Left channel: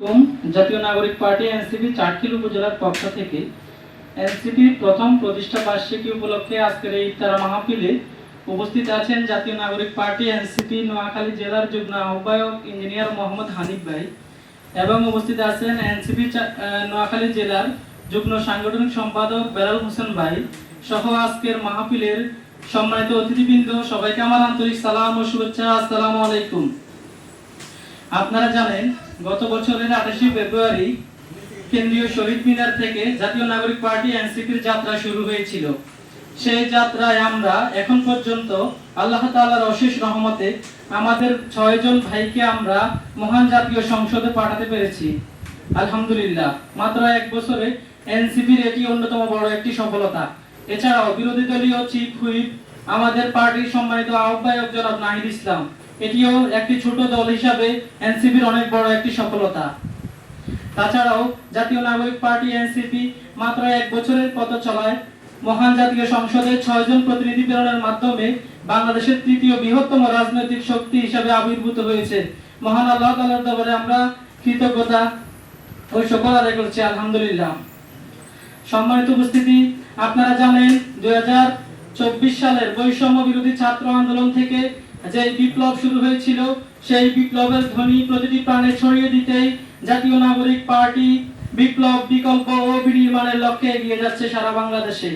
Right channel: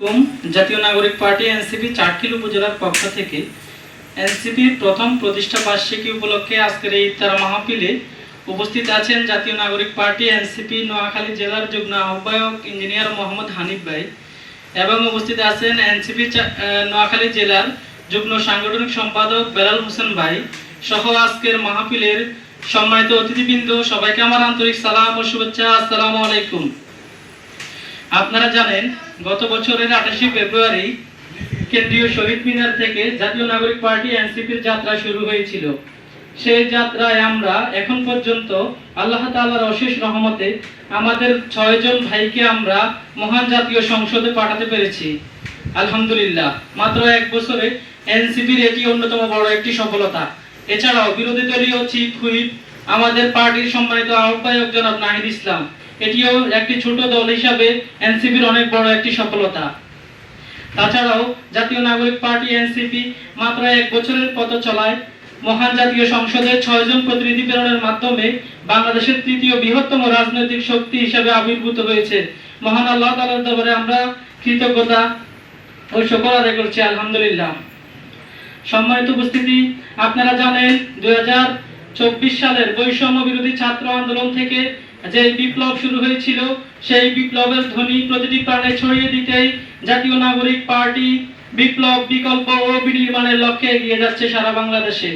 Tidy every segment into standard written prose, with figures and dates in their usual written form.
জাতীয় নাগরিক party NCP Chatkhil উপজেলার পক্ষ থেকে এনসিপির প্রথম প্রতিষ্ঠা বার্ষিকী উপলক্ষে আজকের এই ইফতার মাহফিলে উপস্থিত আছেন জাতীয় নাগরিক পার্টি এনসিপি নোয়াখালী জেলার যুগ্ম আহ্বায়ক ইঞ্জিনিয়ার মোহাম্মদ হানিফ ভাই এবং উপস্থিত আছেন এনসিপি নোয়াখালী জেলার যুগ্ম সাংগঠনিক সম্পাদক বেলাল হোসেন ভাই সহ আজকের মাহফিলের সম্মানিত অতিথিবৃন্দ, সবাইকে আমার আন্তরিক সালাম ও শুভেচ্ছা। আসসালামু আলাইকুম। আপনারা জানেন, গত বছরের 28 ফেব্রুয়ারি কেন্দ্রীয় শহীদ মিনার থেকে জাতীয় নাগরিক পার্টি এনসিপির যাত্রা শুরু হয়েছিল। সেই যাত্রায় আমরা এখন পর্যন্ত আল্লাহ তাআলার অশেষ রহমতে আমাদের 6 জন ভাইকে আমরা মহান জাতীয় সংসদে পাঠাতে পেরেছি, আলহামদুলিল্লাহ। মাত্র এক বছরে এনসিপির এটি অন্যতম বড় একটি সফলতা। এছাড়াও বিরোধী দলীয় চিফ হুইপ আমাদের পার্টির সম্মানিত আহ্বায়ক জনাব নাহিদ ইসলাম, এটিও একটি ছোট দল হিসাবে এনসিপির অনেক বড় একটি সফলতা। তাছাড়াও জাতীয় নাগরিক পার্টি এনসিপি মাত্র এক বছরের পথ চলায় মহান জাতীয় সংসদে 6 জন প্রতিনিধি প্রেরণের মাধ্যমে বাংলাদেশের তৃতীয় বৃহত্তম রাজনৈতিক শক্তি হিসেবে আবির্ভূত হয়েছে। মহান আল্লাহ তাআলার দরবারে আমরা কৃতজ্ঞতা ও শুকর আদায় করছি, আলহামদুলিল্লাহ। সম্মানিত উপস্থিতি, আপনারা জানেন 2024 সালের বৈষম্য বিরোধী ছাত্র আন্দোলন থেকে যে বিপ্লব শুরু হয়েছিল, সেই বিপ্লবের ধ্বনি প্রতিটি প্রাণে ছড়িয়ে দিতেই জাতীয় নাগরিক পার্টি বিপ্লব, বিকল্প ও বিনির্মাণের লক্ষ্যে এগিয়ে যাচ্ছে সারা বাংলাদেশে।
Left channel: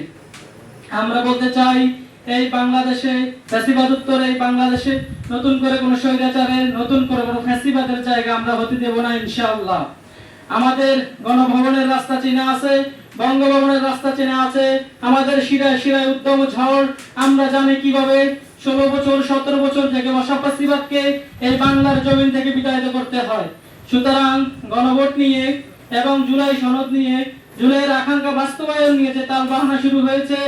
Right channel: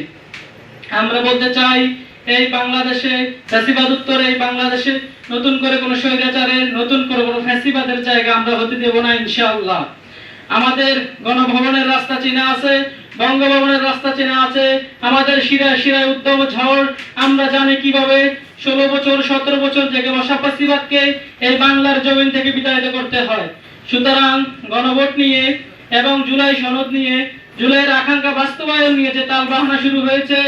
আমরা বলতে চাই, এই বাংলাদেশে ফ্যাসিবাদ উত্তর এই বাংলাদেশে নতুন করে কোনো স্বৈরাচারের, নতুন করে কোনো ফ্যাসিবাদের জায়গা আমরা হতে দেব না, ইনশাআল্লাহ। আমাদের গণভবনের রাস্তা চেনা আছে, বঙ্গভবনের রাস্তা চেনা আছে, আমাদের শিরায় শিরায় উদ্যম ঝড়। আমরা জানি কিভাবে 16 বছর 17 বছর থেকে বসা ফ্যাসিবাদকে এই বাংলার জমিন থেকে বিতাড়িত করতে হয়। সুতরাং গণভোট নিয়ে এবং জুলাই সনদ নিয়ে, জুলাইয়ের আকাঙ্ক্ষা বাস্তবায়ন নিয়ে যে তালবাহানা শুরু হয়েছে,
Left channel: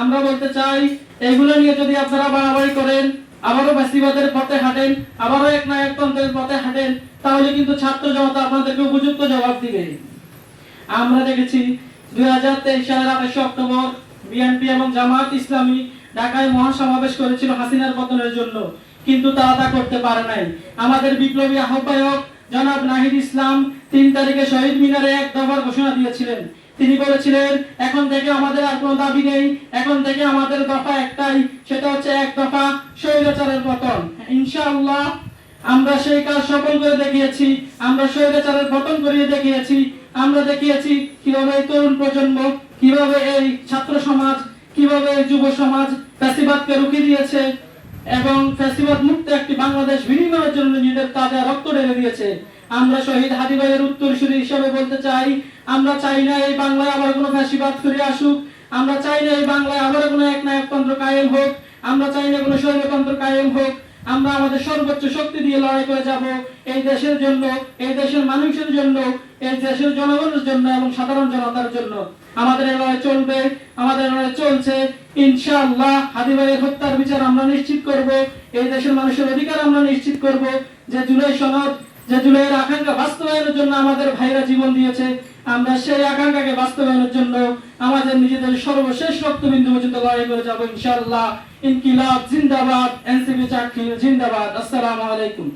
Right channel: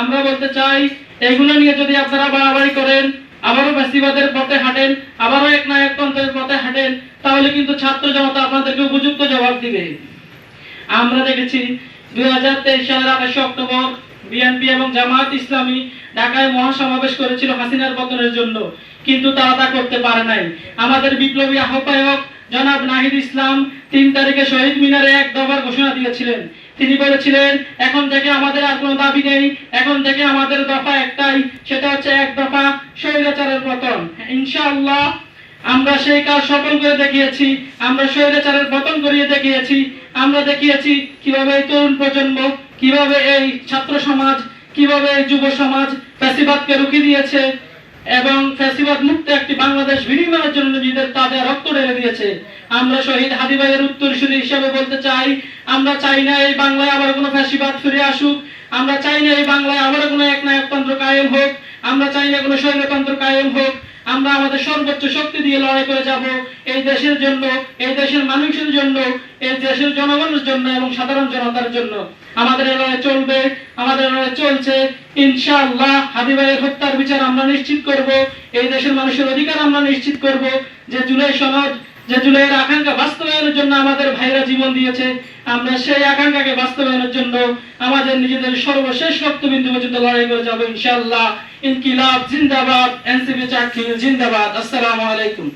আমরা বলতে চাই, এগুলো নিয়ে যদি আপনারা বাড়াবাড়ি করেন, আবারও ফ্যাসিবাদের পথে হাঁটেন, আবারও একনায়কতন্ত্রের পথে হাঁটেন, তাহলে কিন্তু ছাত্র জনতা আপনাদেরকে উপযুক্ত জবাব দিবে। আমরা দেখেছি 2023 সালের 28 অক্টোবর বিএনপি এবং জামায়াত ইসলামী ঢাকায় মহাসমাবেশ করেছিল হাসিনার পতনের জন্য, কিন্তু তারা তা করতে পারে নাই। আমাদের বিপ্লবী আহ্বায়ক জনাব নাহিদ ইসলাম 3 তারিখে শহীদ মিনারে এক দফার ঘোষণা দিয়েছিলেন। তিনি বলেছিলেন, এখন থেকে আমাদের আর কোনো দাবি নেই, এখন থেকে আমাদের দফা একটাই, সেটা হচ্ছে এক দফা স্বৈরাচারের পতন। ইনশাআল্লাহ আমরা সেই কাজ সফল করে দেখিয়েছি। আমরা স্বৈরাচারের পতন করিয়ে দেখিয়েছি। আমরা দেখিয়েছি কিভাবে এই তরুণ প্রজন্ম, কিভাবে এই ছাত্র সমাজ, কিভাবে এই যুব সমাজ ফ্যাসিবাদকে রুখে দিয়েছে এবং ফ্যাসিবাদ মুক্ত একটি বাংলাদেশ বিনির্মাণের জন্য নিজেদের তাজা রক্ত ঢেলে দিয়েছে। আমরা শহীদ হাদি ভাইয়ের উত্তরসূরি হিসেবে বলতে চাই, আমরা চাই না এই বাংলায় আবার কোনো ফ্যাসিবাদ ফিরে আসুক। আমরা চাই না এই বাংলায় আবার কোনো একনায়কতন্ত্র কায়েম হোক। আমরা চাই না কোনো স্বৈরতন্ত্র কায়েম হোক। আমরা আমাদের সর্বোচ্চ শক্তি দিয়ে লড়াই করে যাব এই দেশের জন্য, এই দেশের মানুষের জন্য, এই দেশের জনগণের জন্য এবং সাধারণ জনতার জন্য। আমাদের এই লড়াই চলবে, আমাদের লড়াই চলছে। ইনশাআল্লাহ হাদি ভাইয়ের হত্যার বিচার আমরা নিশ্চিত করব। এই দেশের মানুষের অধিকার আমরা নিশ্চিত করব। যে জুলাই সনদ, যে জুলাইয়ের আকাঙ্ক্ষা বাস্তবায়নের জন্য আমাদের ভাইরা জীবন দিয়েছে, আমরা সেই আকাঙ্ক্ষাকে বাস্তবায়নের জন্য আমাদের নিজেদের সর্বশেষ রক্তবিন্দু পর্যন্ত লড়াই করে যাব, ইনশাআল্লাহ। ইনকিলাব জিন্দাবাদ, এনসিপি চাটখিল জিন্দাবাদ। আসসালামু আলাইকুম।